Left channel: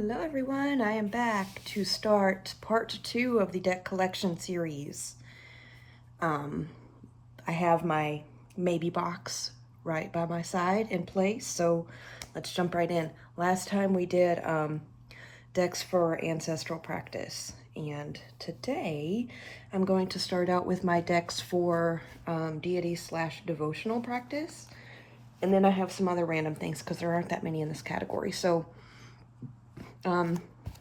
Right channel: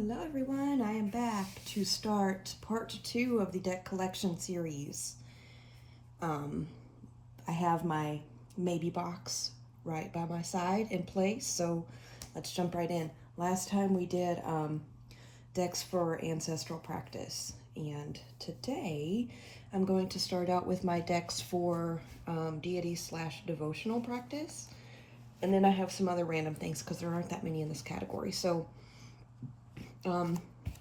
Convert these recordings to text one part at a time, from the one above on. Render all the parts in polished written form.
Hello everyone, I am back to start part 2 of the deck collection series. I have my maybe box right by my side in place, so let's jump right in. Last time we did decks for ancestral practice, and today I'm going to start out with my decks for deity / devotional practice, and then I have some other random things because there aren't that many in this category. So I'm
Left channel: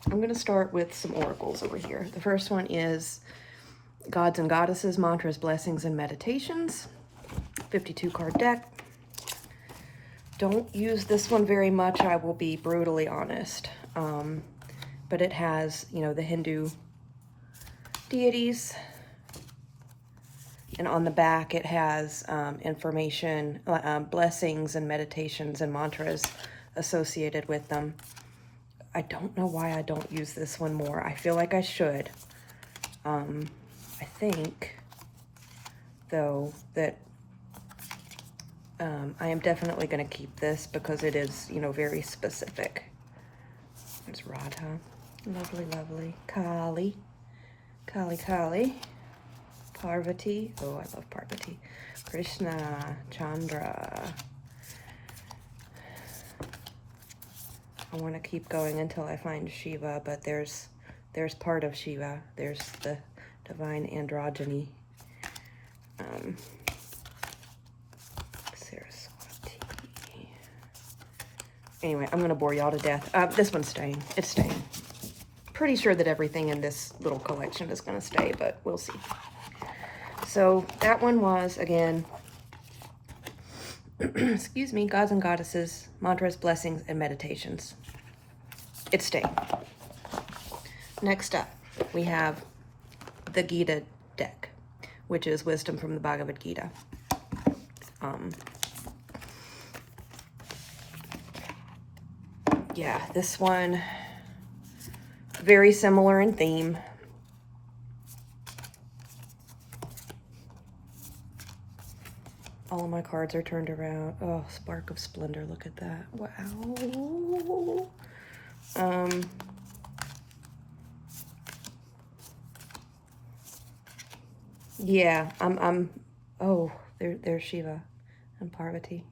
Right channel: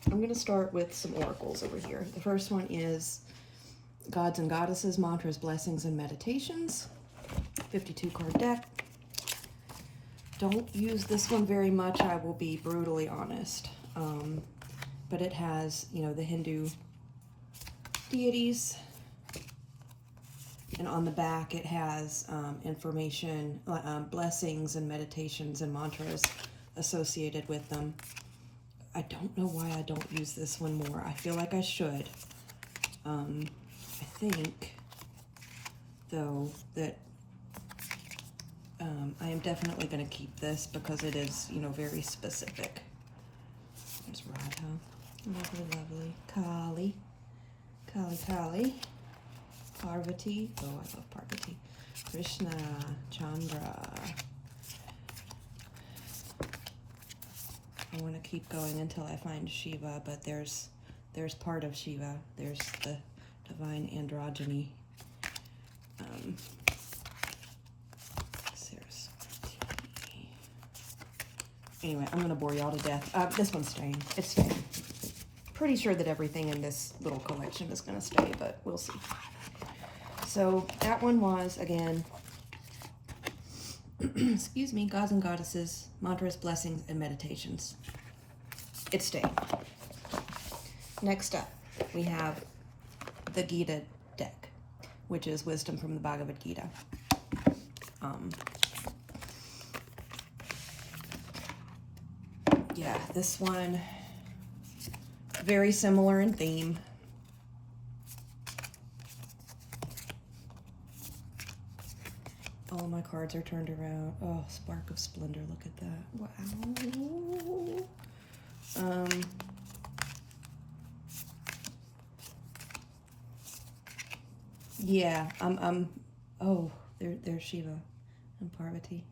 going to start with some oracles over here. The first one is Gods and Goddesses, Mantras, Blessings, and Meditations. 52 card deck. Don't use this one very much, I will be brutally honest. But it has, you know, the Hindu deities. And on the back it has information, blessings and meditations and mantras associated with them. I don't know why I don't use this one more. I feel like I should. I think, though, that I am definitely going to keep this because it is, you know, very specific. There's Radha. Lovely, lovely. Kali. Parvati. Oh, I love Parvati. Krishna. Chandra. I want to keep going until I find Shiva, but there's part of Shiva. There's the divine androgyny. Saraswati. Anyway, I'm going to bore y'all to death. This one's staying. It's staying. Pretty sure that everything in this little collection is going to stay, but we'll see. So that one was, again, excuse me, Gods and Goddesses, Mantras, Blessings, and Meditations. It's staying. Next up, we have the Gita deck, which is Wisdom from the Bhagavad Gita. Yeah, this one, very similar in theme. All of my cards are turned around. Oh, Spark of Splendor, look at that. Wow. Yeah, oh, there's Shiva and Parvati.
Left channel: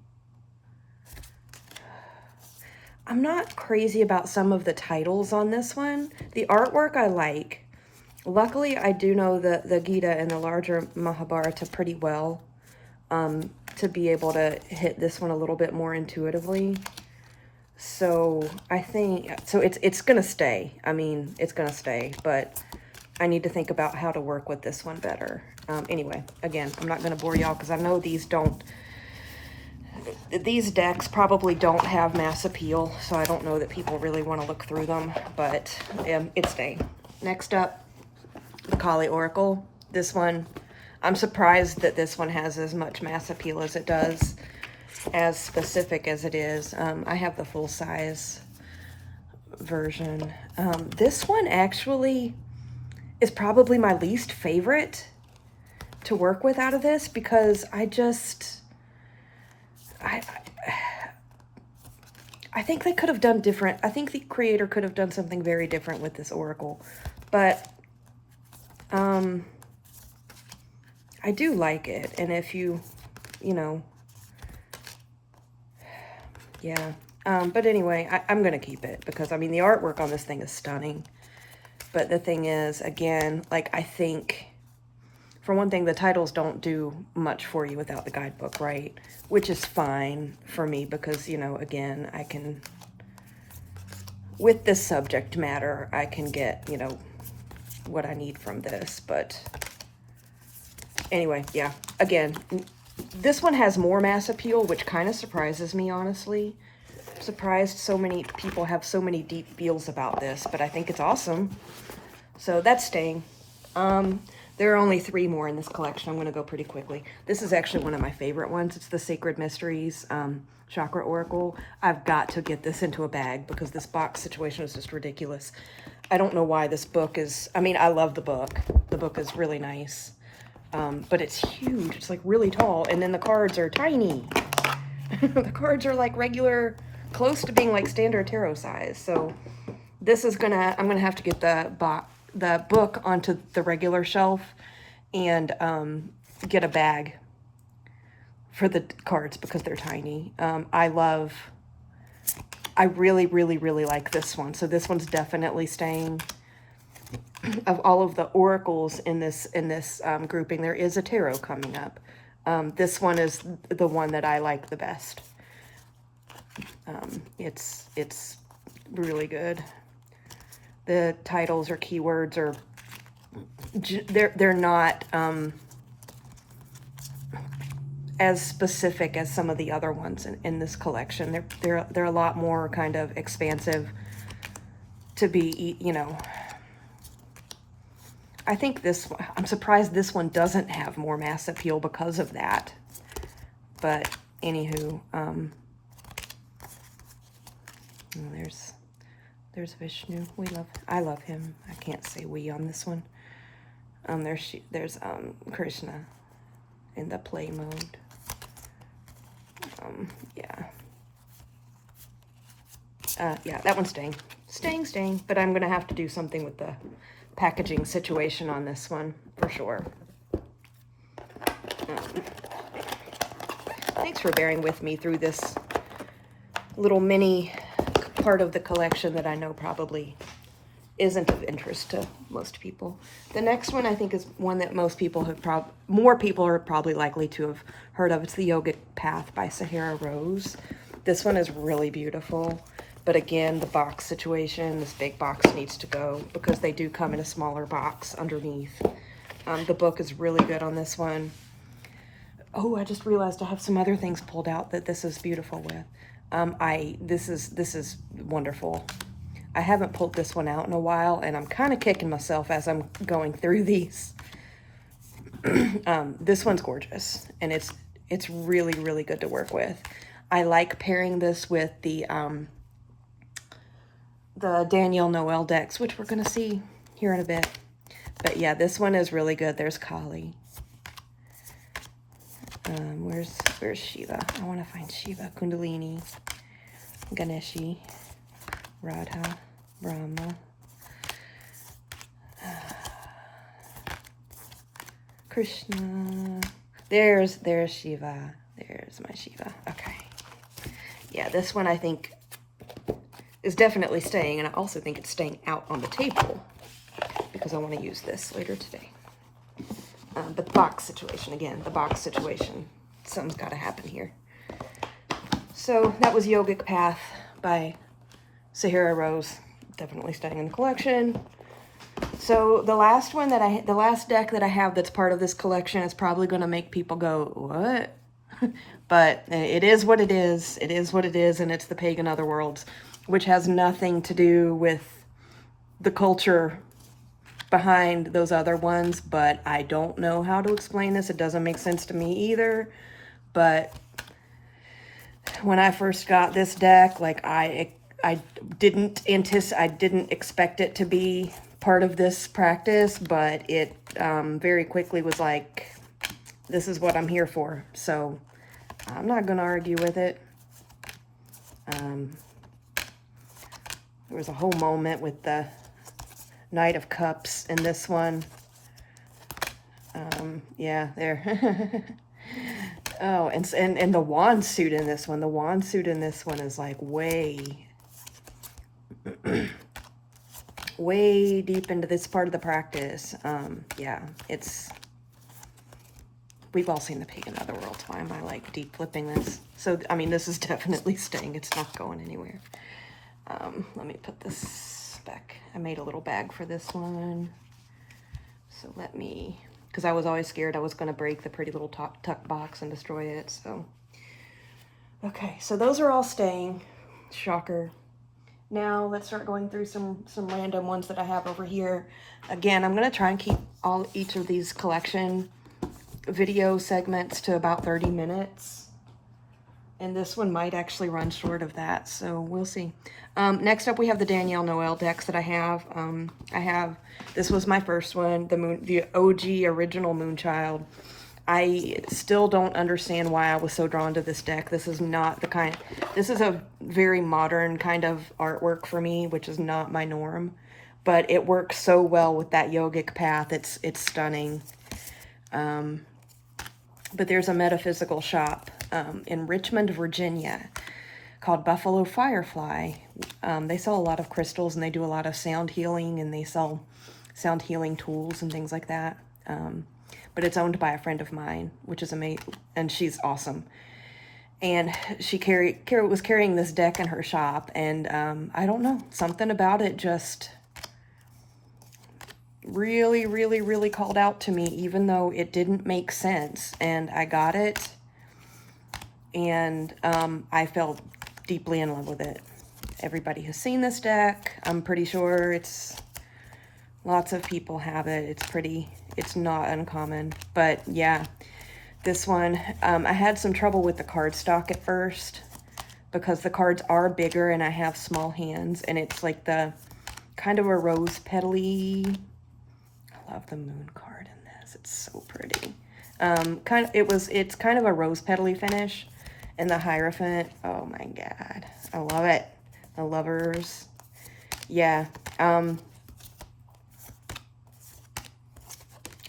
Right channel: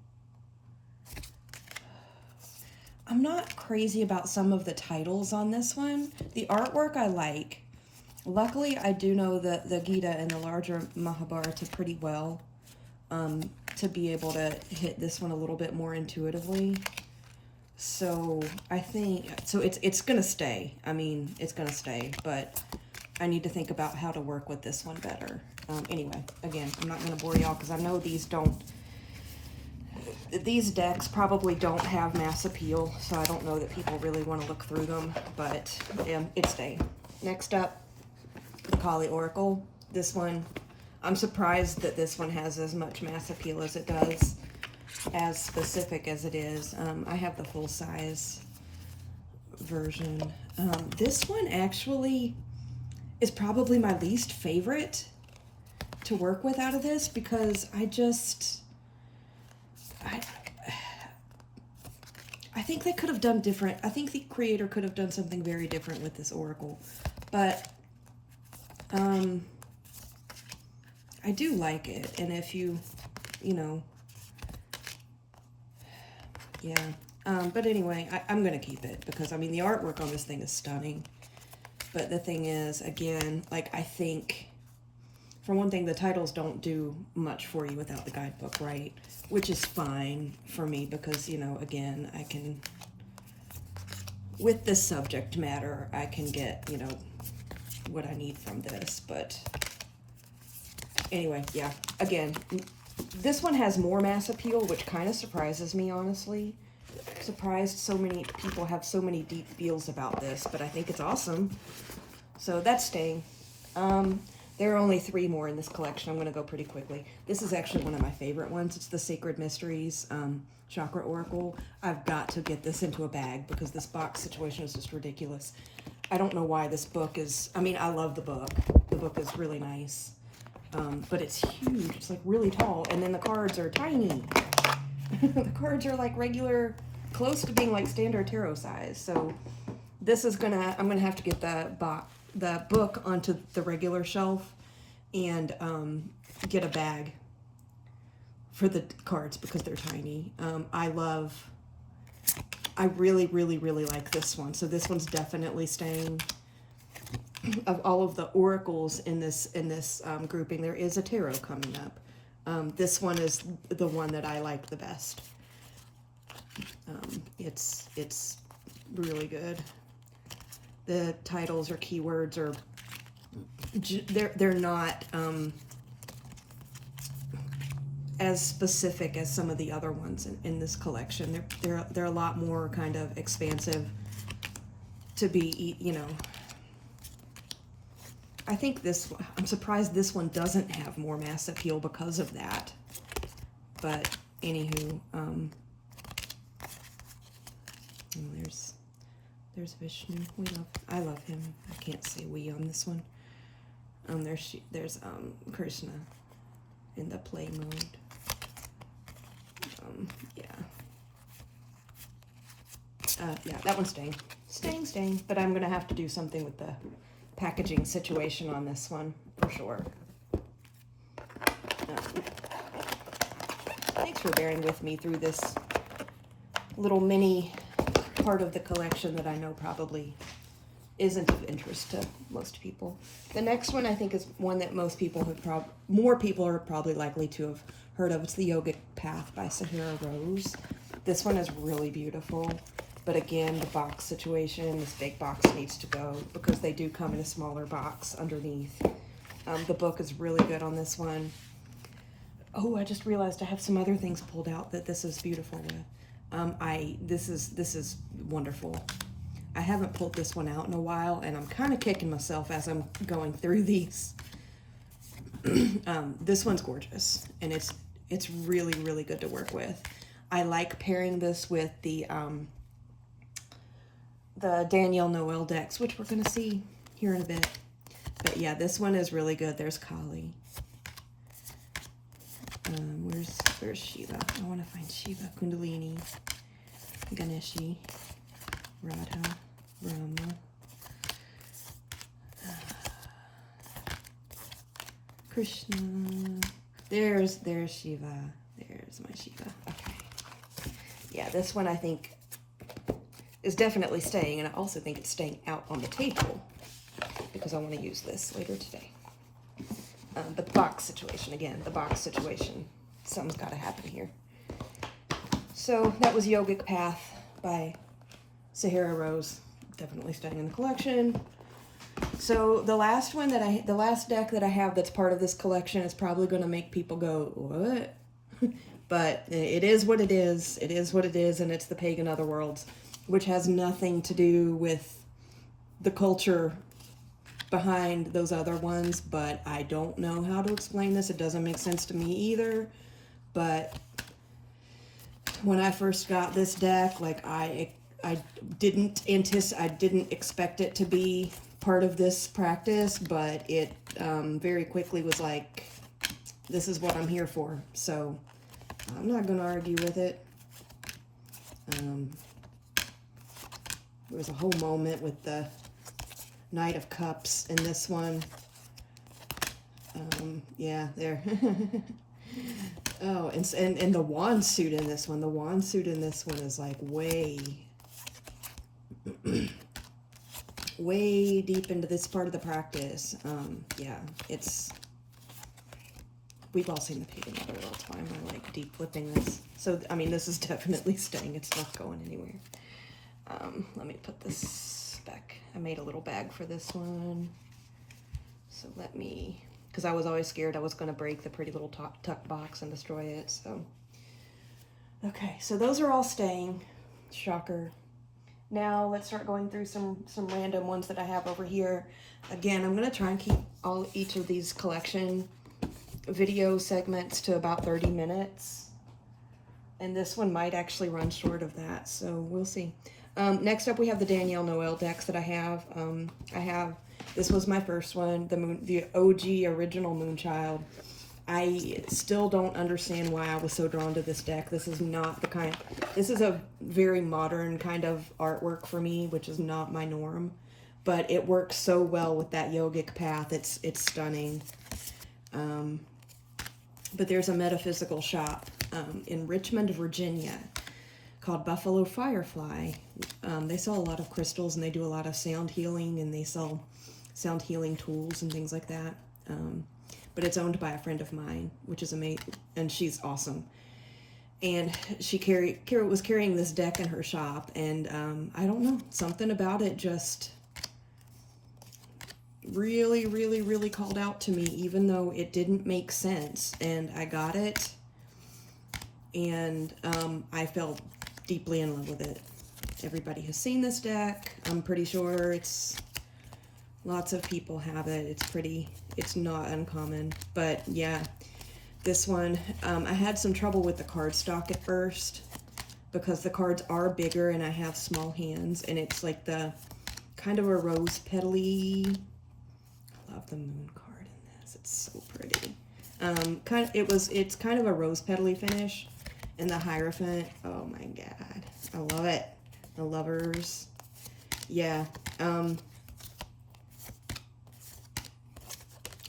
I'm not crazy about some of the titles on this one. The artwork I like. Luckily, I do know the Gita and the larger Mahabharata pretty well. To be able to hit this one a little bit more intuitively. So I think, so it's gonna stay. I mean, it's gonna stay, but I need to think about how to work with this one better. Anyway, again, I'm not gonna bore y'all because I know these decks probably don't have mass appeal, so I don't know that people really want to look through them, but it's staying. Next up, the Collier Oracle. This one, I'm surprised that this one has as much mass appeal as it does, as specific as it is. I have the full-size version. This one actually is probably my least favorite to work with out of this because I think they could have done different. I think the creator could have done something very different with this oracle, but I do like it, and if you know, yeah. But anyway, I'm going to keep it because, I mean, the artwork on this thing is stunning. But the thing is, again, like, I think, for one thing, the titles don't do much for you without the guidebook, right? Which is fine for me because, you know, again, I can, with this subject matter, I can get, you know, what I need from this, but anyway, yeah, again, this one has more mass appeal, which kind of surprises me, honestly. Surprised so many people have so many deep feels about this, but I think it's awesome. So that's staying. There are only 3 more in this collection. I'm going to go pretty quickly. This is actually one of my favorite ones. It's the Sacred Mysteries Chakra Oracle. I've got to get this into a bag because this box situation is just ridiculous. I don't know why this book is, I mean, I love the book. The book is really nice. But it's huge. It's like really tall. And then the cards are tiny. The cards are like regular, close to being like standard tarot size. So this is I'm gonna have to get the book onto the regular shelf and get a bag for the cards because they're tiny. I really, really, really like this one. So this one's definitely staying. Of all of the oracles in this grouping, there is a tarot coming up. This one is the one that I like the best. It's really good. The titles or keywords are they're not as specific as some of the other ones in this collection. They're a lot more kind of expansive to be, you know. I think I'm surprised this one doesn't have more mass appeal because of that. But anywho, there's Vishnu. I love him. I can't say we on this one. There's Krishna in the play mode. Yeah, that one's staying. But I'm gonna have to do something with the packaging situation on this one for sure. Thanks for bearing with me through this little mini part of the collection that I know probably isn't of interest to most people. The next one I think is one that most people more people are probably likely to have heard of. It's the Yogic Path by Sahara Rose. This one is really beautiful. But again, the box situation, this big box needs to go because they do come in a smaller box underneath. The book is really good on this one. Oh, I just realized I have some other things pulled out that this is beautiful with. This is wonderful. I haven't pulled this one out in a while, and I'm kind of kicking myself as I'm going through these. This one's gorgeous, and it's really, really good to work with. I like pairing this with the Danielle Noel decks, which we're going to see here in a bit. But yeah, this one is really good. There's Kali. Where's Shiva? I want to find Shiva. Kundalini, Ganeshi, Radha, Brahma, Krishna. There's Shiva. There's my Shiva. Okay. Yeah, this one I think is definitely staying, and I also think it's staying out on the table because I want to use this later today. The box situation, again, something's got to happen here. So that was Yogic Path by Sahara Rose, definitely staying in the collection. So the last deck that I have that's part of this collection is probably going to make people go, what? But it is what it is. It is what it is, and it's the Pagan Otherworlds, which has nothing to do with the culture behind those other ones, but I don't know how to explain this. It doesn't make sense to me either. But when I first got this deck, like I didn't expect it to be part of this practice, but it very quickly was like, this is what I'm here for. So I'm not going to argue with it. There was a whole moment with the Knight of Cups in this one. Yeah, there. Oh, and the wand suit in this one. The wand suit in this one is like way way deep into this part of the practice. Yeah, we've all seen the Pagan Otherworlds. Why am I like deep flipping this? So, I mean, this is definitely staying. It's not going anywhere. Let me put this back. I made a little bag for this one. So because I was always scared I was going to break the pretty little tuck box and destroy it. So, okay, so those are all staying. Shocker. Now let's start going through some random ones that I have over here. Again, I'm going to try and keep each of these collection video segments to about 30 minutes. And this one might actually run short of that, so we'll see. Next up, we have the Danielle Noel decks that I have. This was my first one, the OG original Moonchild. I still don't understand why I was so drawn to this deck. This is not the kind, this is a very modern kind of artwork for me, which is not my norm, but it works so well with that yogic path. It's stunning. But there's a metaphysical shop in Richmond, Virginia called Buffalo Firefly. They sell a lot of crystals, and they do a lot of sound healing, and they sell sound healing tools and things like that. But it's owned by a friend of mine, which is amazing, and she's awesome. And she was carrying this deck in her shop, and I don't know, something about it just really, really, really called out to me, even though it didn't make sense. And I got it, and I fell deeply in love with it. Everybody has seen this deck. I'm pretty sure lots of people have it. It's not uncommon. But yeah, this one, I had some trouble with the cardstock at first because the cards are bigger and I have small hands, and it's like the kind of a rose petally. I love the moon card in this. It's so pretty. It's kind of a rose petally finish, and the Hierophant. Oh my God, I love it. The Lovers. Yeah.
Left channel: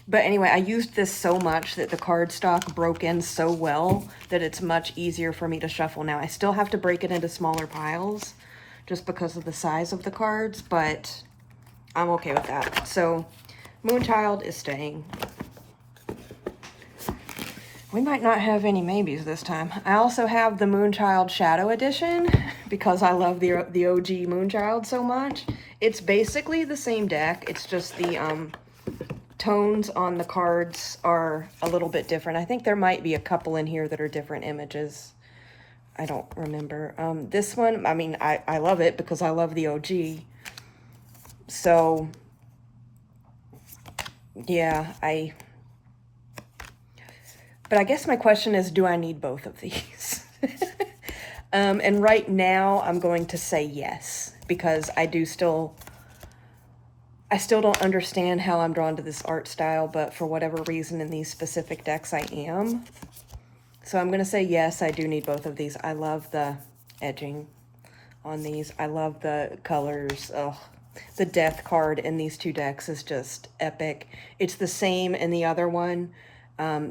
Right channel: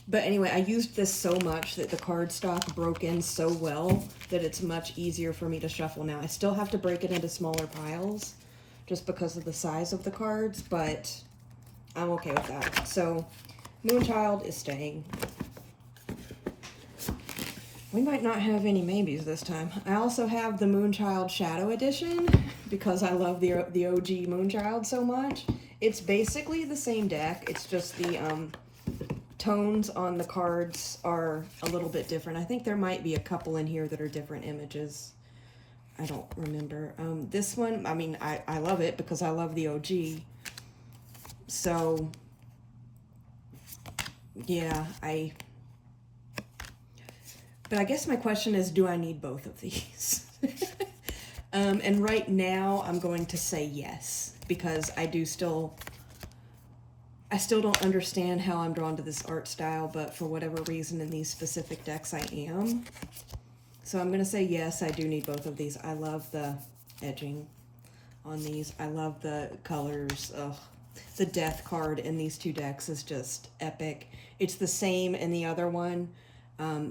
But anyway, I used this so much that the cardstock broke in so well that it's much easier for me to shuffle now. I still have to break it into smaller piles just because of the size of the cards, but I'm okay with that. So Moonchild is staying. We might not have any maybes this time. I also have the Moonchild Shadow edition because I love the OG Moonchild so much. It's basically the same deck. It's just the tones on the cards are a little bit different. I think there might be a couple in here that are different images. I don't remember. This one, I mean, I love it because I love the OG. So, yeah, but I guess my question is, do I need both of these? And right now I'm going to say yes, because I still don't understand how I'm drawn to this art style, but for whatever reason in these specific decks I am. So I'm going to say yes, I do need both of these. I love the edging on these. I love the colors. Oh, the Death card in these two decks is just epic. It's the same in the other one.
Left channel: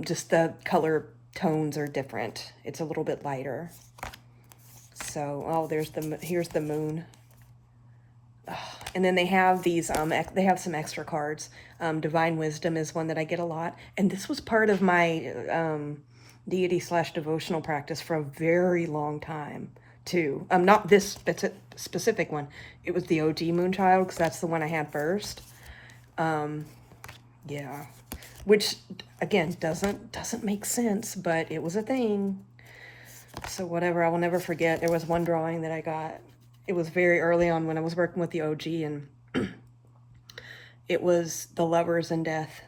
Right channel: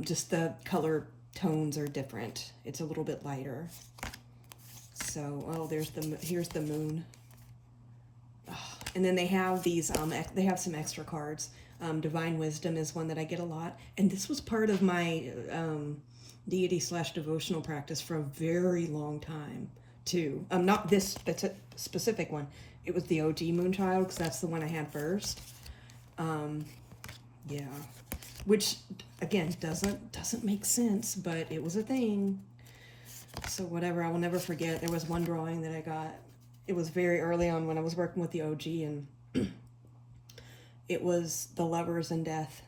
Just the color tones are different. It's a little bit lighter. So, oh, here's the moon. Oh, and then they have these, they have some extra cards. Divine Wisdom is one that I get a lot. And this was part of my Deity/devotional practice for a very long time, too. Not this specific one. It was the OG Moonchild, because that's the one I had first. Yeah. Which, again, doesn't make sense, but it was a thing. So whatever, I will never forget. There was one drawing that I got. It was very early on when I was working with the OG, and it was the Lovers and Death.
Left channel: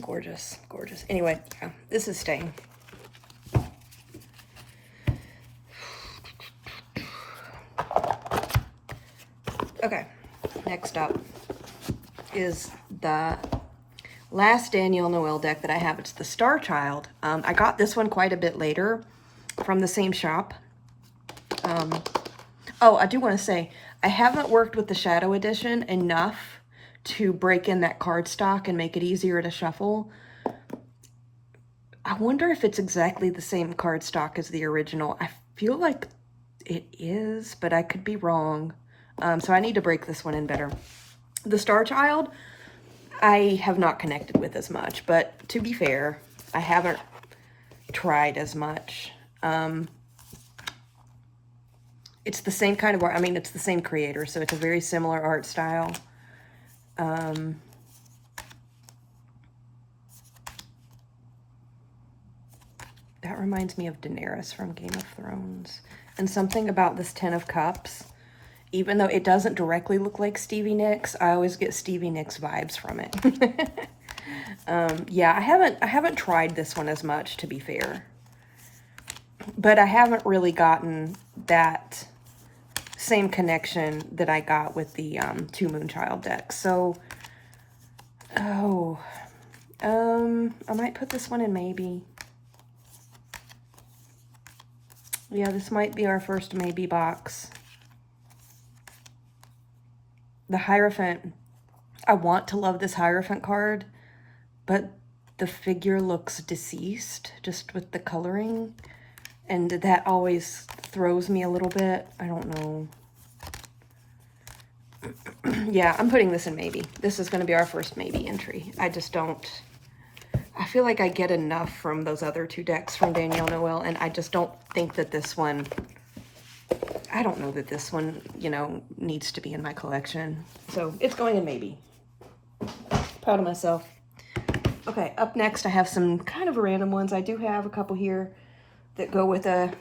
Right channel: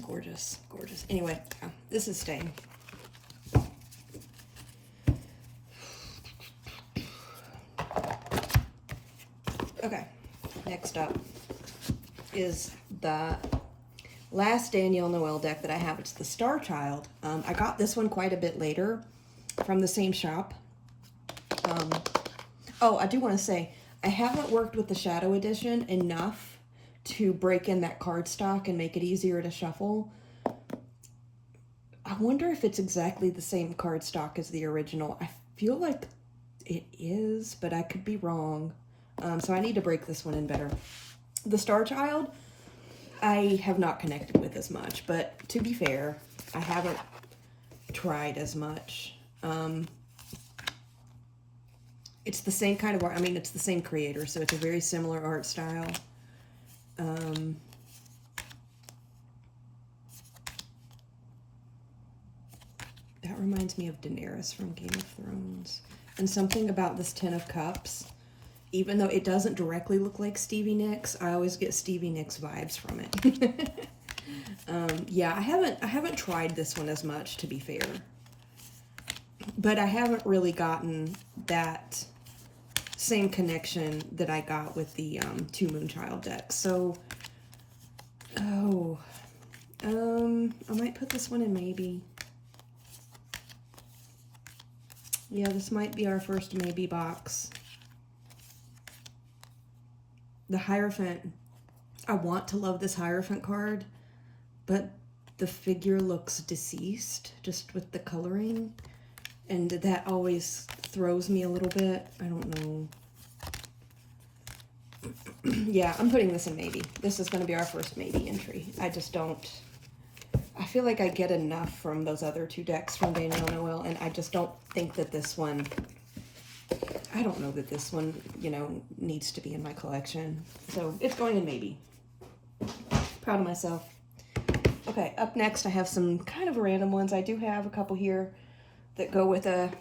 Gorgeous, gorgeous. Anyway, this is staying. Okay, next up is the last Danielle Noel deck that I have. It's the Star Child. I got this one quite a bit later from the same shop. Oh, I do want to say, I haven't worked with the Shadow Edition enough to break in that cardstock and make it easier to shuffle. I wonder if it's exactly the same cardstock as the original. I feel like it is, but I could be wrong. So I need to break this one in better. The Star Child, I have not connected with as much, but to be fair, I haven't tried as much. It's the same kind of art. I mean, it's the same creator, so it's a very similar art style. That reminds me of Daenerys from Game of Thrones. And something about this Ten of Cups, even though it doesn't directly look like Stevie Nicks, I always get Stevie Nicks vibes from it. Yeah, I haven't tried this one as much, to be fair. But I haven't really gotten that same connection that I got with the two Moonchild decks. So, oh, I might put this one in maybe. Yeah, this might be our first maybe box. The Hierophant. I want to love this Hierophant card, but the figure looks deceased just with the coloring, and that always throws me a little bit. I don't know. Yeah, I'm putting this in maybe. This is going to be our first maybe entry. I just don't... I feel like I get enough from those other two decks from Danielle Noel, and I just don't think that this one... I don't know that this one, you know, needs to be in my collection. So it's going in maybe. Proud of myself. Okay, up next I have some kind of random ones. I do have a couple here that go with a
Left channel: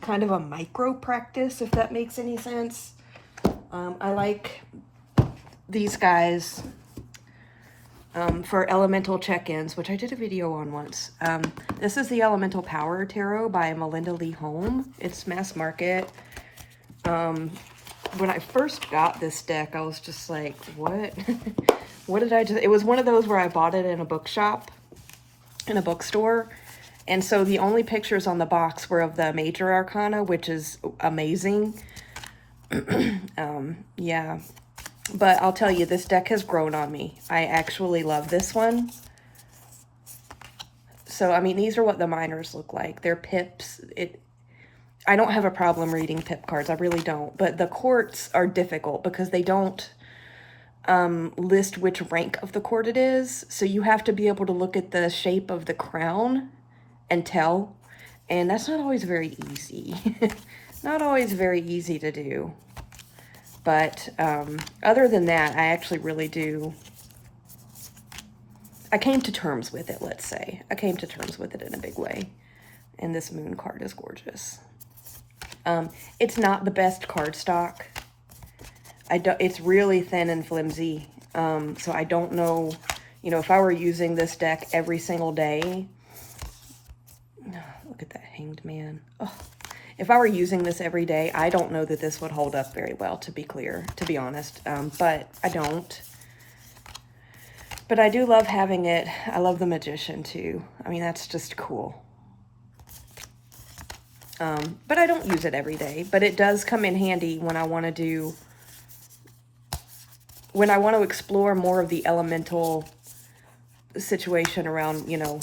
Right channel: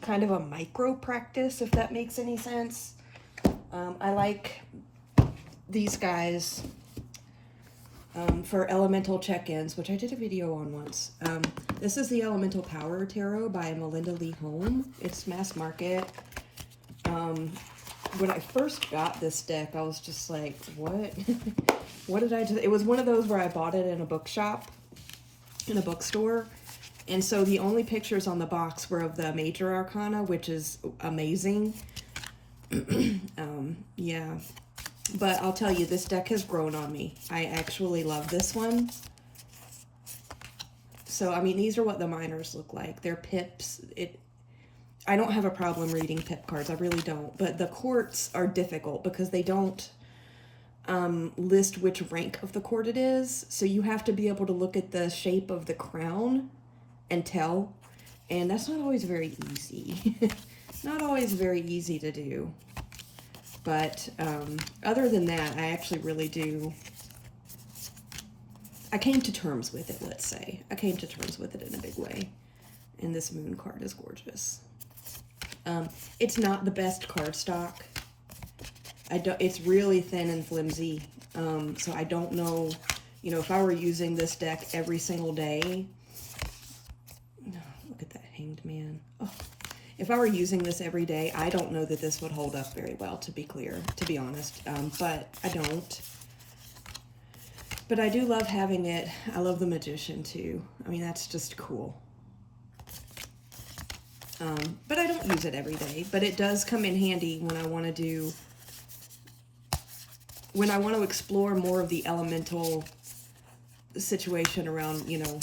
kind of a micro practice, if that makes any sense. I like these guys for elemental check-ins, which I did a video on once. This is the Elemental Power Tarot by Melinda Lee Holm. It's mass market. When I first got this deck, I was just like, what? What did I do? It was one of those where I bought it in a bookshop, in a bookstore. And so the only pictures on the box were of the major arcana, which is amazing. Yeah. But I'll tell you, this deck has grown on me. I actually love this one. So, I mean, these are what the minors look like. They're pips. I don't have a problem reading pip cards. I really don't. But the courts are difficult because they don't list which rank of the court it is. So you have to be able to look at the shape of the crown and tell. And that's not always very easy. Not always very easy to do. But other than that, I actually really do. I came to terms with it, let's say. I came to terms with it in a big way. And this moon card is gorgeous. It's not the best cardstock. It's really thin and flimsy. So I don't know, you know, if I were using this deck every single day. Look at that Hanged Man. Oh. If I were using this every day, I don't know that this would hold up very well, to be clear, to be honest. But I don't. But I do love having it. I love the Magician too. I mean, that's just cool. But I don't use it every day. But it does come in handy when I want to do, when I want to explore more of the elemental situation around, you know,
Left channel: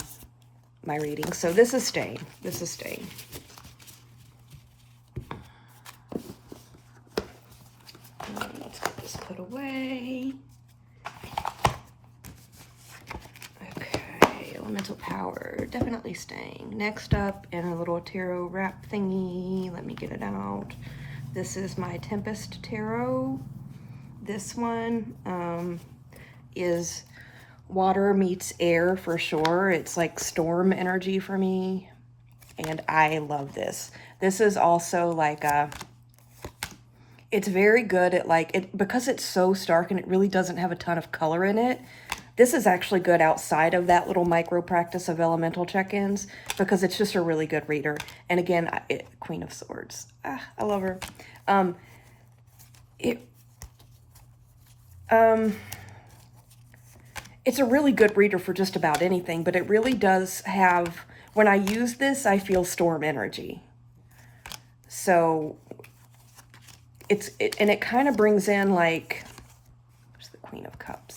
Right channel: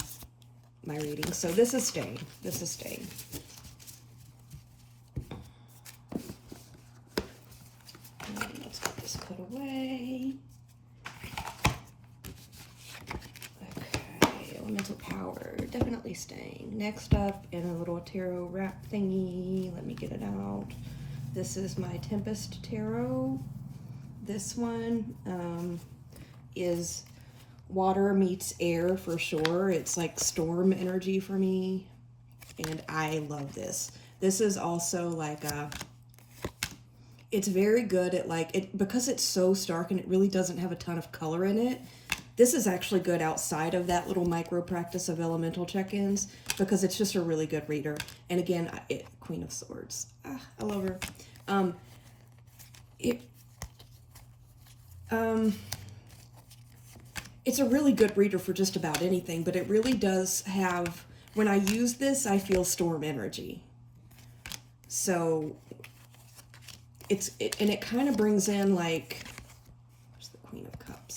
my reading. So this is staying. This is staying. Let's get this put away. Okay, elemental power, definitely staying. Next up, in a little tarot wrap thingy, let me get it out. This is my Tempest Tarot. This one is water meets air for sure. It's like storm energy for me, and I love this. This is also like a... It's very good at like, because it's so stark and it really doesn't have a ton of color in it. This is actually good outside of that little micro practice of elemental check-ins because it's just a really good reader. And again, Queen of Swords. I love her. It's a really good reader for just about anything, but it really does have, when I use this, I feel storm energy. So... and it kind of brings in like, where's the Queen of Cups?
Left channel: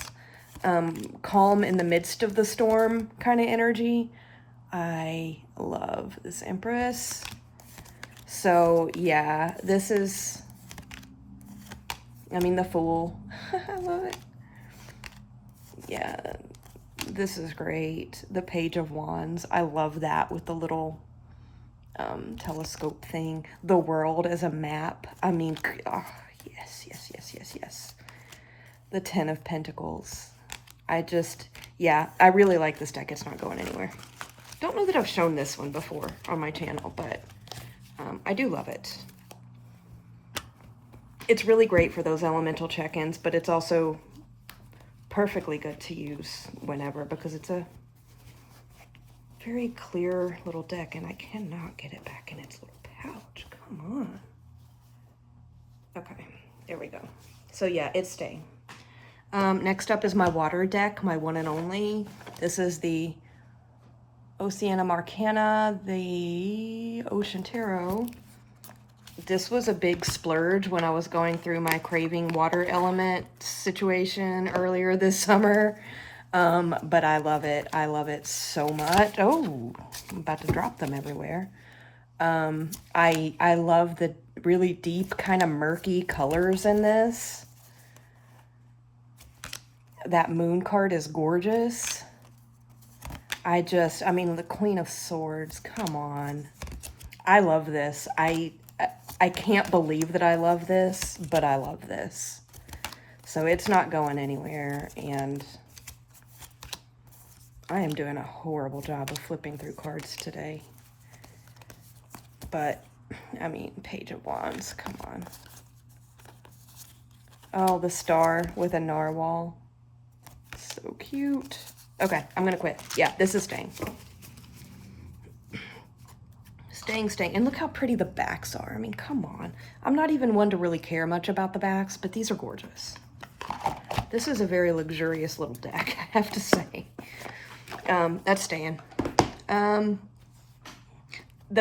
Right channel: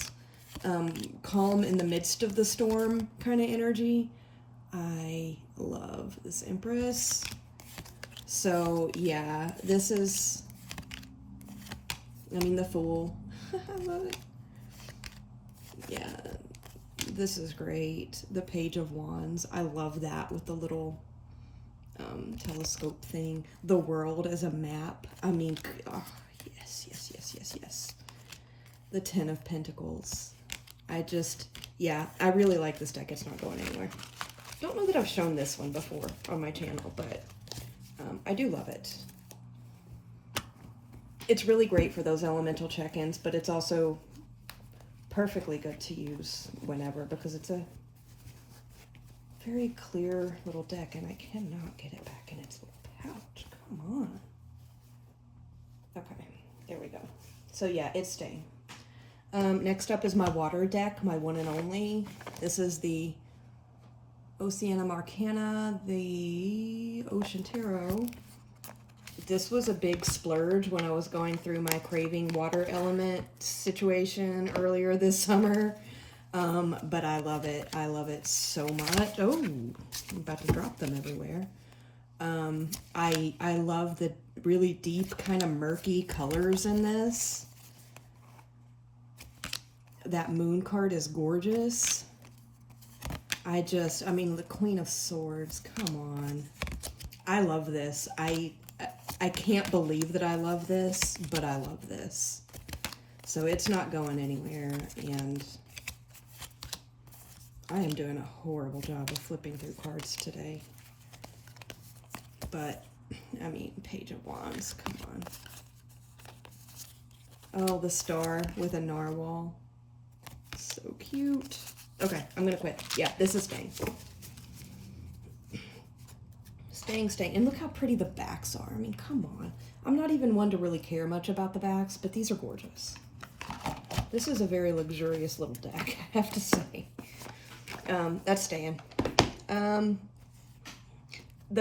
Calm in the midst of the storm kind of energy. I love this Empress. So yeah, this is, I mean, the Fool. I love it. Yeah, this is great. The Page of Wands. I love that with the little telescope thing. The World as a map. I mean, oh, yes, yes, yes, yes, yes. The Ten of Pentacles. Yeah, I really like this deck. It's not going anywhere. Don't know that I've shown this one before on my channel, but I do love it. It's really great for those elemental check-ins, but it's also perfectly good to use whenever because it's a very clear little deck, and I cannot get it back in its little pouch. Come on. Okay, there we go. So yeah, it's staying. Next up is my water deck, my one and only. This is the Oceana Arcana, the Ocean Tarot. This was a big splurge when I was going through my craving water element situation earlier this summer. But I love it. I love it so much. Oh, I'm about to drop them everywhere. I love the really deep, kind of murky colors in this. That moon card is gorgeous. I mean, the Queen of Swords, come on. I love this. I can't believe that I love this, but I love this. So it's not going anywhere, and I am doing a horrible job of flipping through cards today. But, I mean, Page of Wands, come on. Oh, the star with a narwhal. So cute. Okay, I'm gonna quit. Yeah, this is staying. Staying. And look how pretty the backs are. I mean, come on. I'm not even one to really care much about the backs, but these are gorgeous. This is a very luxurious little deck, I have to say. That's staying. The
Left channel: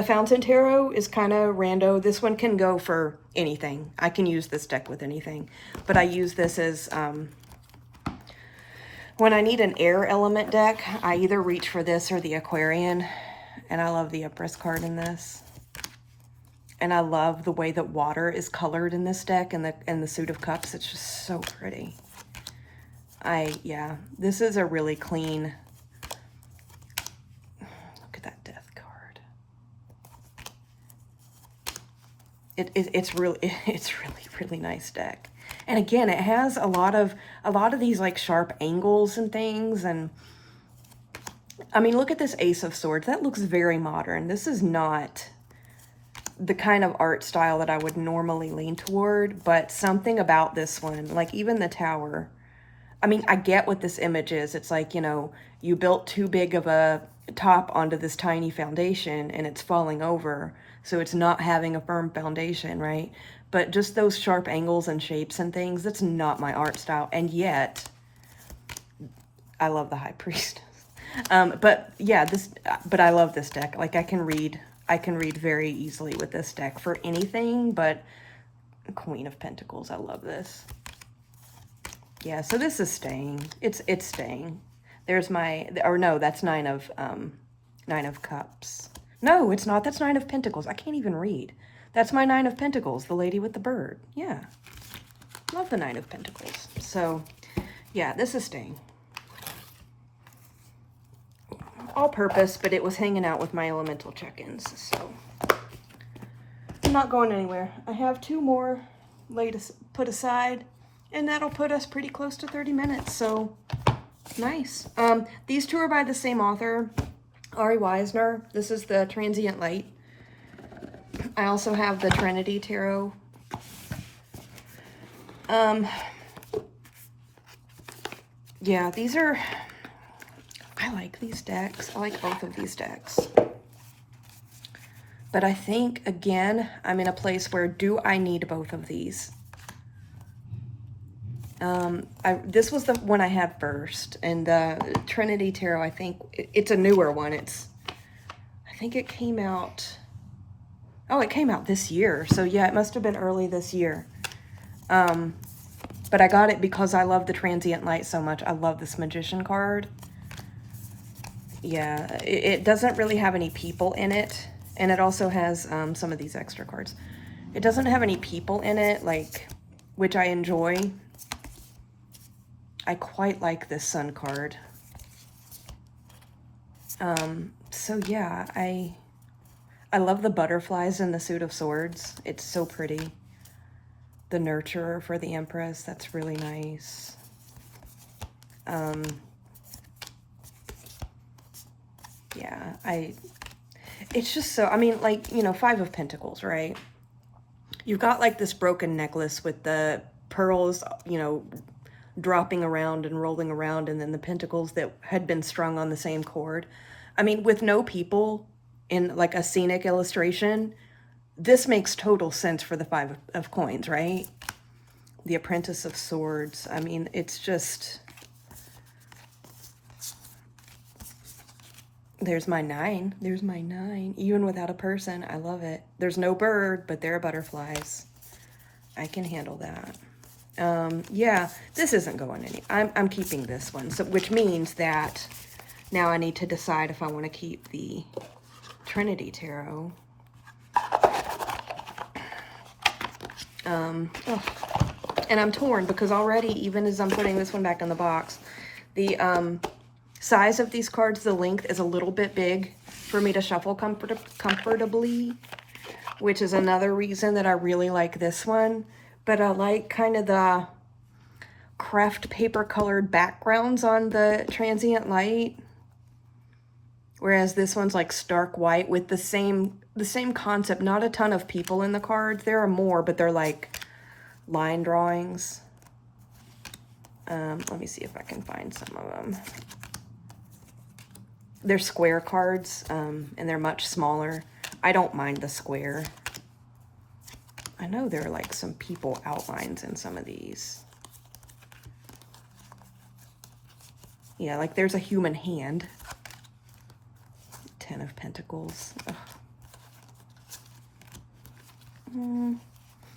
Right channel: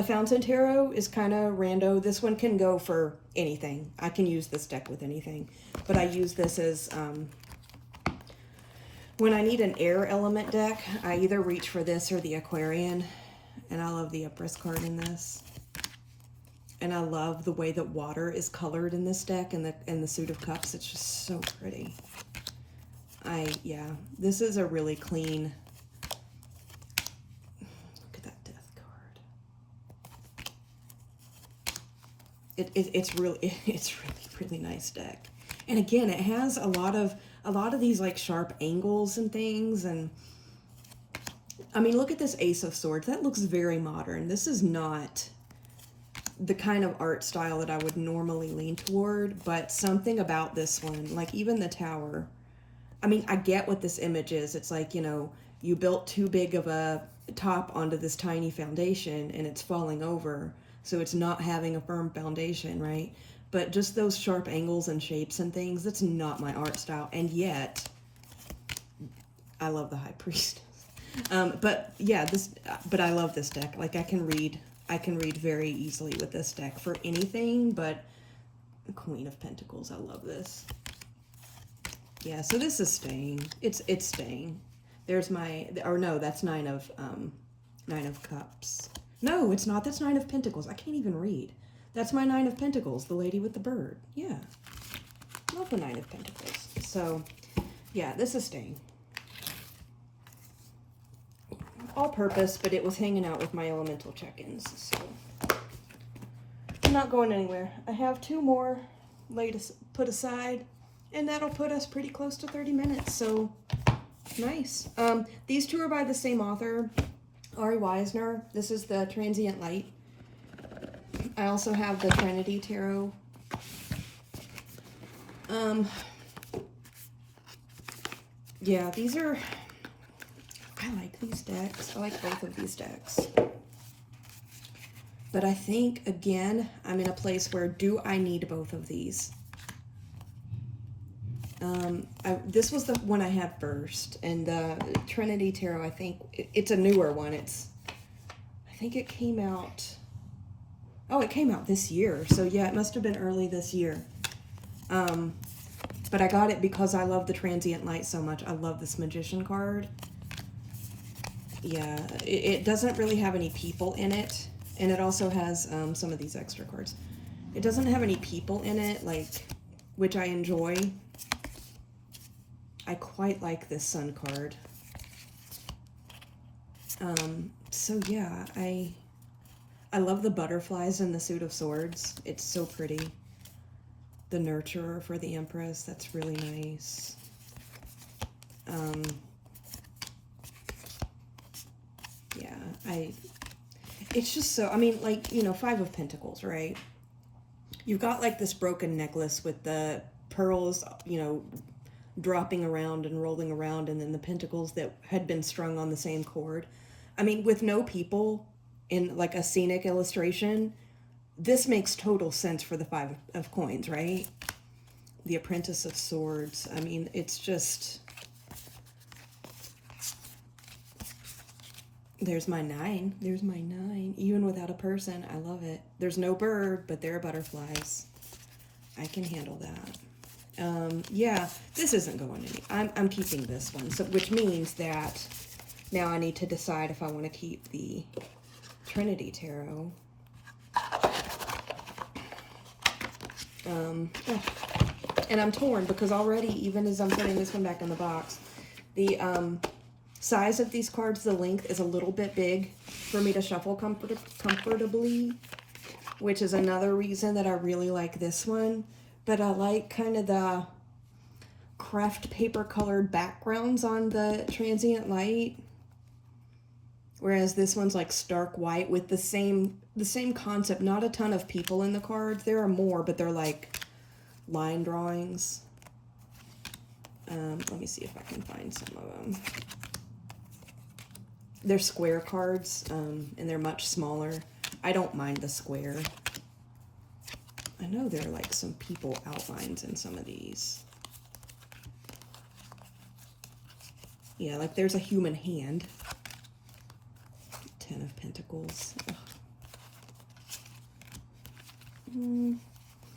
Fountain Tarot is kind of rando. This one can go for anything. I can use this deck with anything. But I use this as, when I need an air element deck, I either reach for this or the Aquarian. And I love the Empress card in this. And I love the way that water is colored in this deck and the Suit of Cups. It's just so pretty. Yeah, this is a really clean. Look at that Death card. It's really nice deck. And again, it has a lot of these like sharp angles and things. And I mean, look at this Ace of Swords. That looks very modern. This is not the kind of art style that I would normally lean toward, but something about this one, like even the tower. I mean, I get what this image is. It's like, you know, you built too big of a top onto this tiny foundation and it's falling over. So it's not having a firm foundation, right? But just those sharp angles and shapes and things, that's not my art style. And yet, I love the High Priest. But yeah, but I love this deck. Like I can read very easily with this deck for anything, but Queen of Pentacles, I love this. Yeah, so this is staying. It's staying. There's my, or no, that's Nine of Cups. No, it's not. That's Nine of Pentacles. I can't even read. That's my Nine of Pentacles, the lady with the bird. Yeah. Love the Nine of Pentacles. So, yeah, this is staying. All purpose, but it was hanging out with my elemental check-ins, so I'm not going anywhere. I have 2 more put aside, and that'll put us pretty close to 30 minutes, so nice. These 2 are by the same author, Ari Weisner. This is the Transient Light. I also have the Trinity Tarot. Yeah, these are, I like these decks. I like both of these decks. But I think, again, I'm in a place where, do I need both of these? This was the one I had first, and the Trinity Tarot, I think, it's a newer one. I think it came out, it came out this year. So yeah, it must have been early this year. But I got it because I love the Transient Light so much. I love this Magician card. Yeah, it doesn't really have any people in it. And it also has some of these extra cards. It doesn't have any people in it, like, which I enjoy. I quite like this Sun card. So yeah, I love the butterflies in the Suit of Swords. It's so pretty. The Nurturer for the Empress, that's really nice. Yeah, it's just so, I mean, like, you know, 5 of Pentacles, right? You've got like this broken necklace with the pearls, you know, dropping around and rolling around, and then the pentacles that had been strung on the same cord. I mean, with no people in like a scenic illustration, this makes total sense for the 5 of coins, right? the Apprentice of Swords. I mean, it's just... There's my 9. There's my 9. Even without a person, I love it. There's no bird, but there are butterflies. I can handle that. Yeah, this isn't going any. I'm keeping this one, so which means that now I need to decide if I want to keep the Trinity Tarot. And I'm torn because already, even as I'm putting this one back in the box, the size of these cards, the length is a little bit big for me to shuffle comfortably, which is another reason that I really like this one. But I like kind of the craft paper colored backgrounds on the Transient light, whereas this one's like stark white with the same concept. Not a ton of people in the cards. There are more, but they're like line drawings. Let me see if I can find some of them. They're square cards, and they're much smaller. I don't mind the square. I know there are like some people outlines in some of these. Yeah, like there's a human hand. 10 of Pentacles.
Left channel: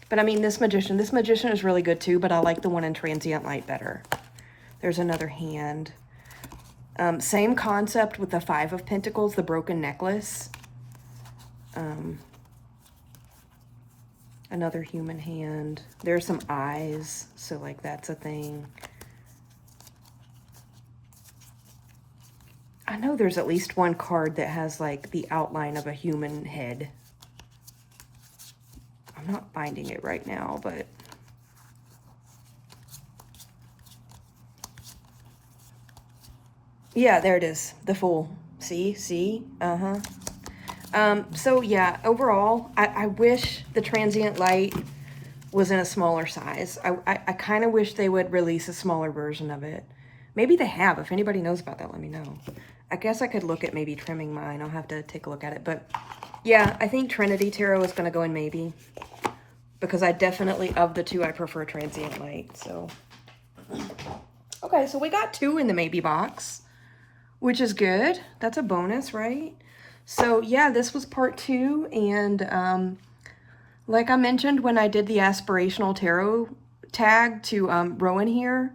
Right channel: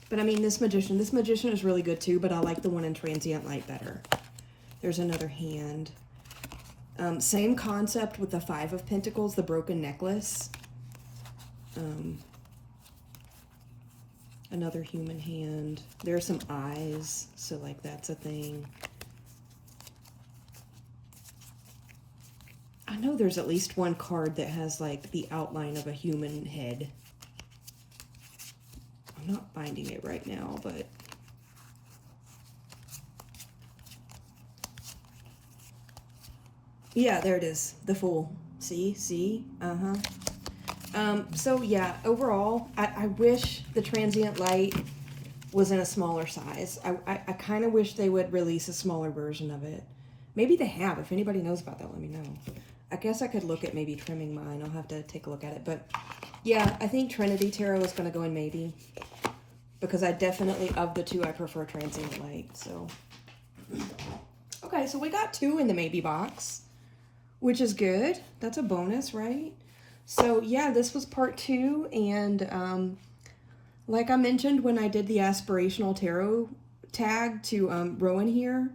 But I mean, this magician is really good too, but I like the one in Transient Light better. There's another hand. Same concept with the 5 of Pentacles, the broken necklace. Another human hand. There's some eyes, so like that's a thing. I know there's at least one card that has like the outline of a human head. I'm not finding it right now, but yeah, there it is. The Fool. See? So yeah, overall, I wish the Transient Light was in a smaller size. I kind of wish they would release a smaller version of it. Maybe they have. If anybody knows about that, let me know. I guess I could look at maybe trimming mine. I'll have to take a look at it. But yeah, I think Trinity Tarot is going to go in maybe. Because I definitely, of the two, I prefer Transient Light. So, okay, so we got 2 in the maybe box, which is good. That's a bonus, right? So yeah, this was part 2. And like I mentioned when I did the Aspirational Tarot tag to Rowan here,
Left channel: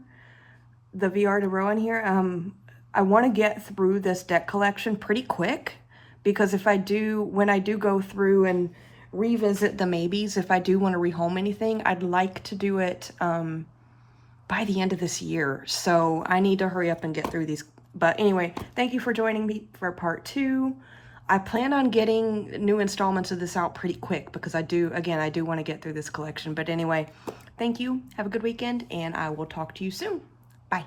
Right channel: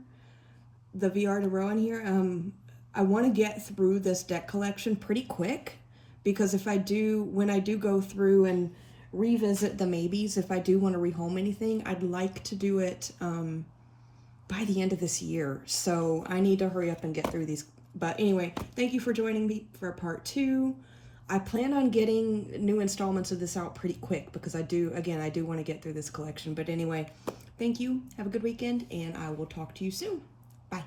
the VR to Rowan here, I want to get through this deck collection pretty quick, because if I do, when I do go through and revisit the maybes, if I do want to rehome anything, I'd like to do it by the end of this year. So I need to hurry up and get through these. But anyway, thank you for joining me for part 2. I plan on getting new installments of this out pretty quick because I do want to get through this collection. But anyway, thank you. Have a good weekend, and I will talk to you soon. Bye.